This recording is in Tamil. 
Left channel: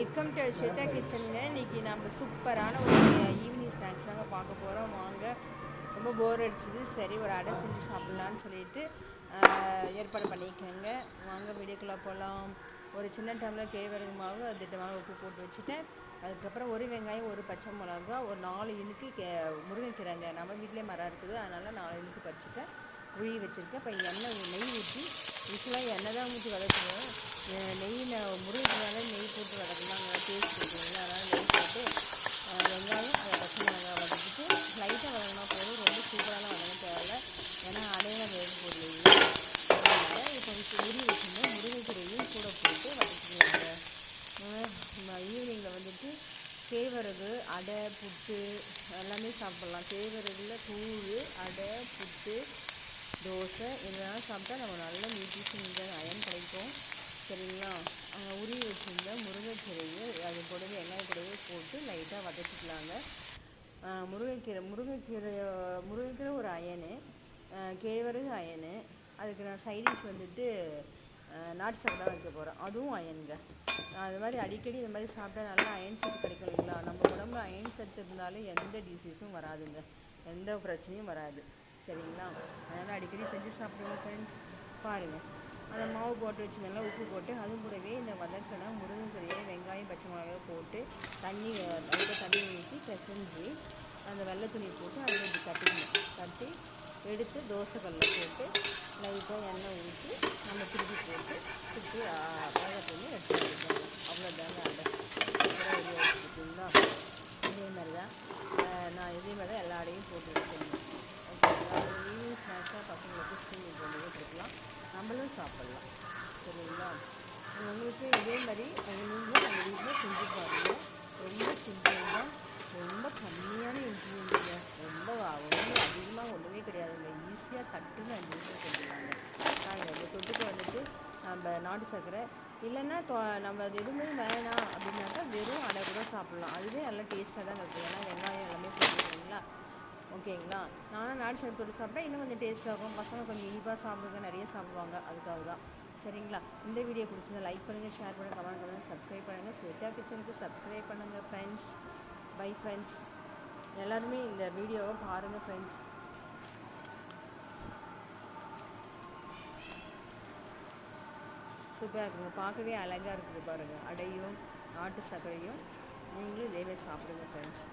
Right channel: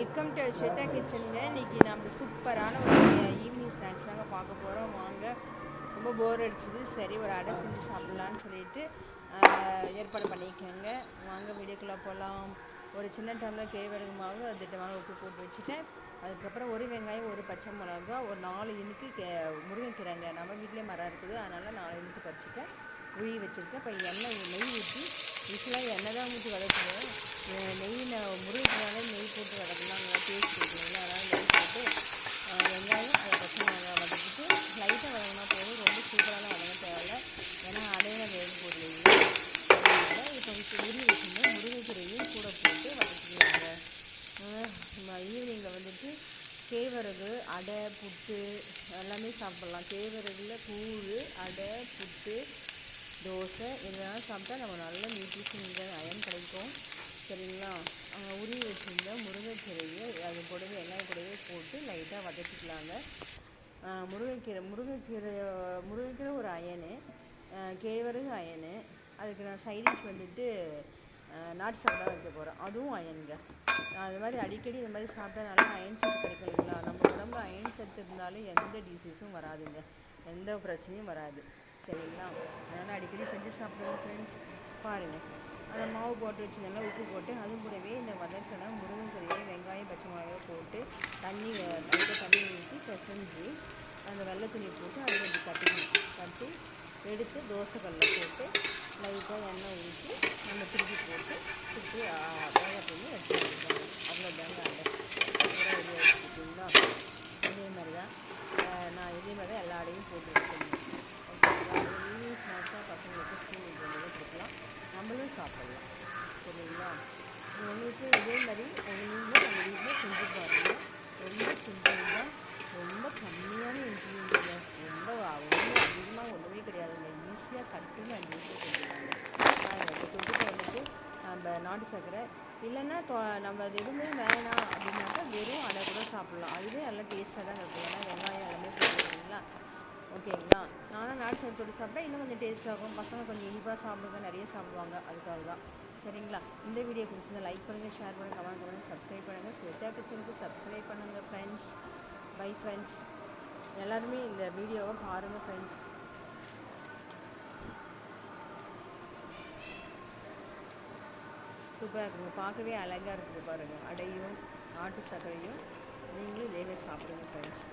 Welcome to Shweta கிச்சனுங்க. இன்றைக்கி நம்ம சூப்பரான ஒரு ஈவினிங் ஸ்நாக்ஸ் தாங்க பார்க்க போகிறோம். வாங்க. ரொம்ப போர் அடிச்சுது, சரி ஒரு அடை செஞ்சு சாப்பிட்லான்னு சொல்லிட்டு ஏற்பாடு பண்ணிக்கோங்க. வாங்க வீடியோக்குள்ளே போகலாம். ஒரு சின்ன டம்ளர் கேழ்வரகு மாவு, அது திட்டமான உப்பு போட்டு வச்சுட்டேன். அதுக்கப்புறம் ஒரு வெங்காயம், ஒரு பச்சை மிளகா, ஒரு 4 இனுக்கு முருங்கைக்கீரைங்க. நம்ம வீட்டிலே மரம் இருக்குது, அதனால் 4 இனுக்கு பறிச்சுட்டேன், உருகி வச்சுருக்கேன். இப்போ நெய் ஊற்றி யூஸ்வலாக எண்ணெய் தான் ஊற்றி வதக்குவேன். நெய்யில் முருங்கைக்கீரைனால நெய் போட்டு வதக்கலாம், நல்லா டேஸ்ட் கொடுக்குறீங்களா. அதனால் நெய் போட்டு வெங்காயம் அதை பச்சை மிளகா வதக்கிட்டு லைட்டாக வதங்கினா போதும். ரொம்ப சூப்பராலாம் வதங்க தேவையில்லை, ஏன்னா அடையெல்லாம் வேக போடுவீங்க. அதனால் இப்போ உருவி வச்சுருந்தேன் முருங்கைக்கீரையும் கூட போட்டு வதக்கிடுவாங்க. ஈவினிங்கில் வந்துட்டு கேழ்வரகு அடை, புட்டு எல்லாமே சாப்பிட்லாம். கேழ்வரகுல கூழ், அடை, புட்டு, தோசை இதெல்லாம் சாப்பிட்டா நம்ம நல்ல நியூட்ரிஷன் அயன் கிடைக்கும். சரிங்களா. உருவி வச்சுருந்த முருங்கைக்கீரையை அது கூடவே வெங்காயம் கூடவே போட்டு லைட்டாக வதக்கிக்கலாங்க. முருங்கைக்கீரை ஒரு அயனு, கேழ்வரகு அயனு. அதுக்கு நான் சைடிஷ் வந்துட்டு நாட்டு சக்கரை தான் வைக்க போகிறேன், அதுவும் அயனுங்க. அது மாதிரி அடிக்கடி இந்த மாதிரி சாப்பிட்டா நல்லா அயன் சத்து கிடைக்கும் இல்லைங்களா. நம்ம உடம்புல அயன் சத்து இருந்தாலும் எந்த டிசீஸும் வராதுங்க, எந்த பிரச்சனையும் வராது. சரிங்களா. அதனால் அடிக்கடி செஞ்சு சாப்பிடுங்க ஃப்ரெண்ட்ஸ். பாருங்கள், அந்த மாவு போட்டு வச்சு நல்லா உப்பு போட்டு அது கூடவே இந்த வதக்கின முருங்கைக்கீரையை வெங்காயம் பச்சை மிளகாய் போட்டு லைட்டாக தண்ணி ஊற்றி பிசைஞ்சு அந்த வெள்ளை துணி போட்டு அதில் இப்படி கட்டி எடுத்து தோசைக்கல்லில் போட்டு லைட்டாக எண்ணெய் ஊற்றி நம்ம திருப்பி போட்டு வேகத்துலேருந்து எடுத்து வச்சுருக்காங்க. அவ்வளோதாங்க அடை. ரெடி வச்சுருக்கீங்களா. இதே மாதிரி தான் எல்லா அடையும் போட்டு எடுத்துக்கணும். ஓகேங்களா. ஈவினிங் ஸ்நாக்ஸாக பசங்களுக்கு ஸ்கூலுக்கு வந்து கொடுக்கலாம், நம்மளும் சாப்பிட்லாம். சரிங்களா. உங்களுக்கு இதே மாதிரி நீங்களும் நம்ம வீட்டில் செஞ்சு பாருங்கள். ரொம்ப சிம்பிள் தான், ரொம்ப கம்மியான இன்க்ரீடியன்ட்டுங்க, ரொம்ப அதிகமாக ஒன்றுமே கிடையாதுங்க. ஈஸியாக சட்டுன்னு 5 நிமிஷம் செஞ்சுருவாங்க. இந்த தொட்டுக்கு வந்துட்டு நம்ம நாட்டு சர்க்கரை இல்லைன்னா நம்ம அது எதுவுமே வேணாம் அப்படின்னாக்கா வெறும் அடை கூட சாப்பிட்லாம். அதுவே நல்லா டேஸ்ட்டாக தான் இருக்கும், ஏன்னா வெங்காயம் எல்லாமே போட்டுருக்கீங்களா. ஓகேங்களா. நானும் நாட்டு சர்க்கரை தொட்டு சாப்பிட்டா இன்னும் கொஞ்சம் டேஸ்ட்டாகும். பசங்க கொஞ்சம் இனிப்பாக சாப்பிடுங்க, நிறைய சாப்பிடுவாங்க, அதுக்காக தான். சரிங்களா. இந்த வீடியோ பிடிச்சிருந்தா லைக் பண்ணுங்கள், ஷேர் பண்ணுங்கள், கமெண்ட் பண்ணுங்கள், சப்ஸ்கிரைப் பண்ணுங்கள். ஸ்வேதா கிச்சனுக்கு சப்ஸ்கிரைப் பண்ணுங்கள் ஃப்ரெண்ட்ஸ். Bye friends. எல்லாருமே இந்த வீடியோவை பாருங்கள் ஃப்ரெண்ட்ஸ். சூப்பராக இருக்குங்க, பார்க்கவே அழகாக இருக்குது பாருங்கள். அடையும் நாட்டு சர்க்கரையும் நீங்களும் இதேவே சாப்பிடுங்க ஃப்ரெண்ட்ஸ்.